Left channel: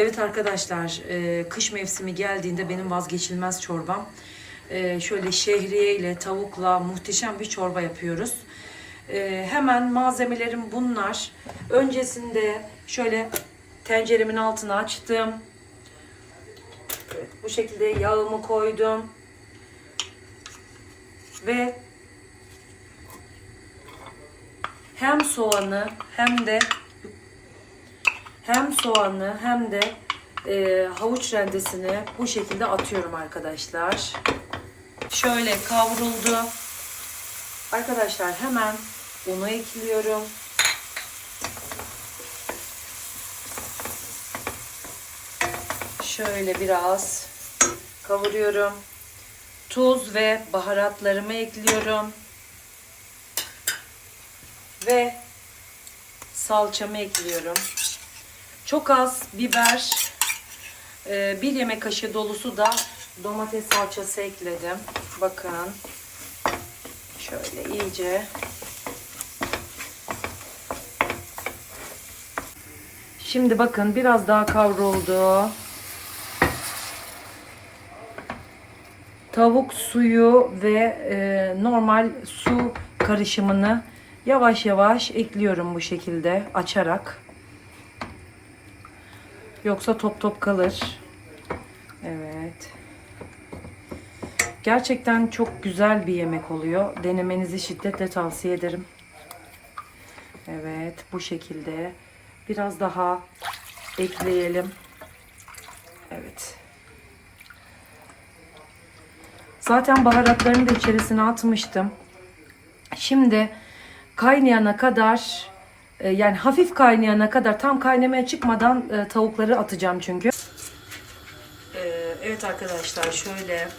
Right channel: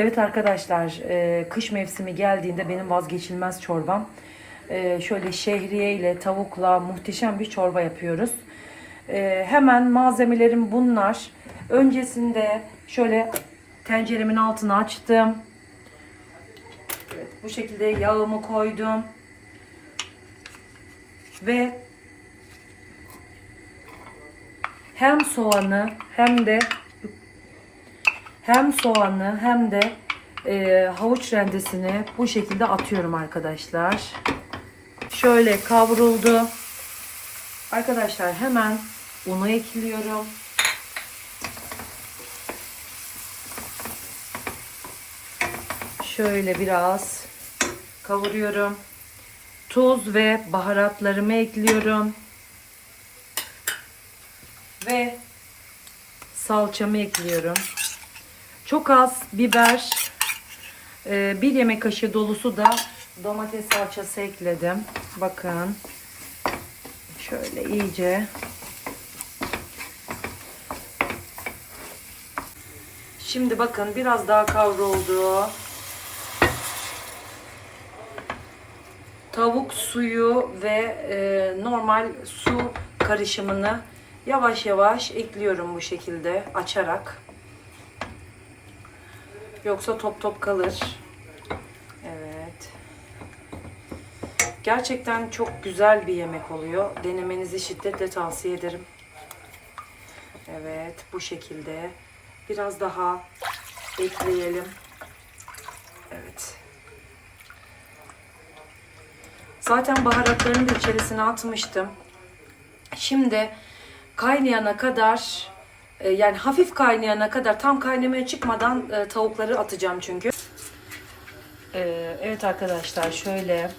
Evet arkadaşlar, e, kış mevsimi geldiğinde benim vazgeçilmez çorbam. E, şöyle şehriye ile tavukla muhteşem bir çorba yapıyoruz. E, hemen malzemelerim bunlar. Öncesinde şöyle tenceremin altını açtım. Evet, bu şekilde yağımı koydum. Ve hem soğanı hem de hem soğanı hem de e, havuç rendesini bu şekilde atıyorum arkadaşlar. Şöyle kavruldu. Arkadaşlar hemen unu ekliyorum. Şöyle biraz kavuruyorum. Tuz ve baharatlarımı ekliyorum. Ve salçamı ekliyorum. Çok az biber, e, bir yemek kaşığı dolusu da domates salçası ekledim. Bakın. Şöyle iyice. Şimdi bakın biraz daha kavruldu. Tavuk suyu ve e, normal su karışımını yavaş yavaş ekliyorum bu şekilde açarak. Yoksa top top kalır. Evet. Gerçekten çok güzel bir yemek oluyor. Denemenizi şiddetle tavsiye ederim. Evet, bu şekilde. Biraz daha ekleyelim. Evet. Zaten baharatlarını da içerisine atmıştım. Şimdi kaynayana kadar e, yani hafif kaynayana kadar tam kaynamaya çıkmadan e, tavukları atacağım çünkü. E, evet arkadaşlar şöyle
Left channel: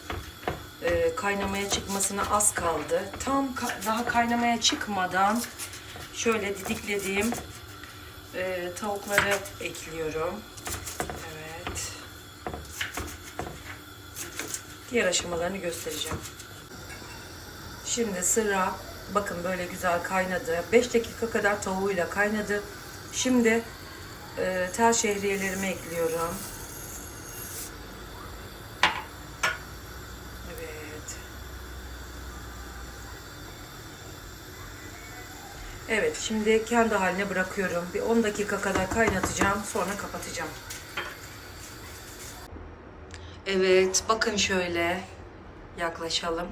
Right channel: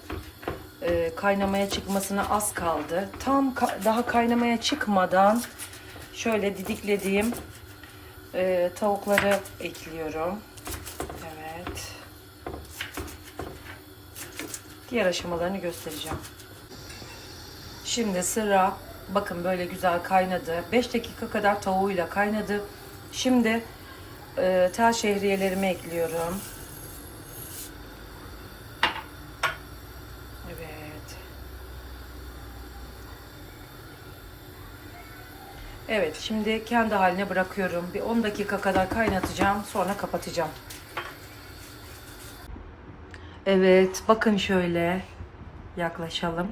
e, kaynamaya çıkmasına az kaldı. Tam ka- daha kaynamaya çıkmadan şöyle didiklediğim e, tavukları ekliyorum. Evet. Diğer aşamalarını göstereceğim. Şimdi sıra bakın böyle güzel kaynadı. 5 dakika kadar tavuğuyla kaynadı. Şimdi e, tel şehriyelerimi ekliyorum. Evet. Evet şimdi kendi haline bırakıyorum. Bir 10 dakika kadar kaynatacağım. Sonra kapatacağım. Evet bakın şöyle yaklaşalım.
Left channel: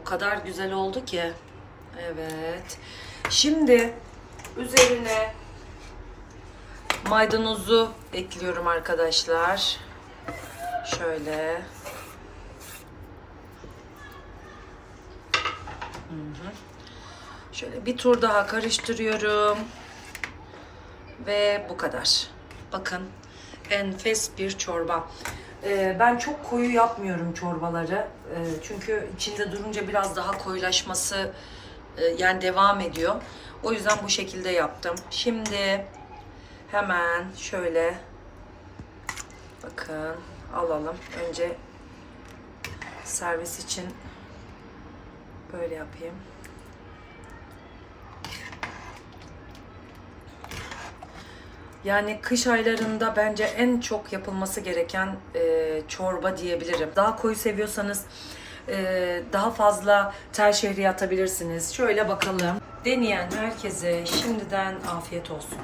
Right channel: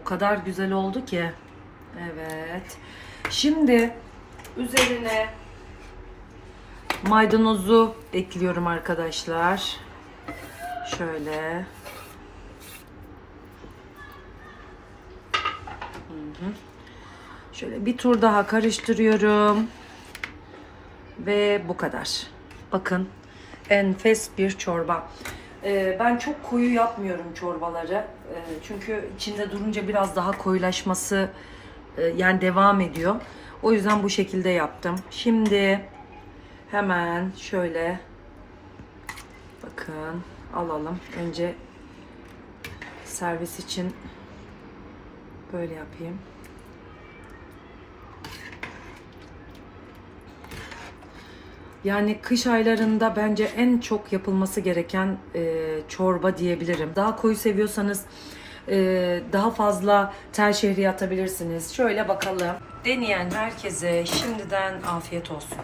O kadar güzel oldu ki. Evet. Şimdi üzerine maydanozu ekliyorum arkadaşlar. Şöyle. Şöyle bir tur daha karıştırıyorum. Ve bu kadar. Bakın enfes bir çorba. Ee, ben çok koyu yapmıyorum çorbaları. Ee, çünkü içinde durunca biraz daha koyulaşması e, yani devam ediyor. O yüzden bu şekilde yaptım. Şimdi hemen şöyle bakın alalım. Önce servis için böyle yapayım. Yani kış aylarında bence en çok yapılması gereken e, çorba diyebilirim. Daha koyu seviyorsanız e, daha fazla tel şehriye atabilirsiniz. Şöyle bakalım. Deneyen herkese şimdiden afiyet olsun.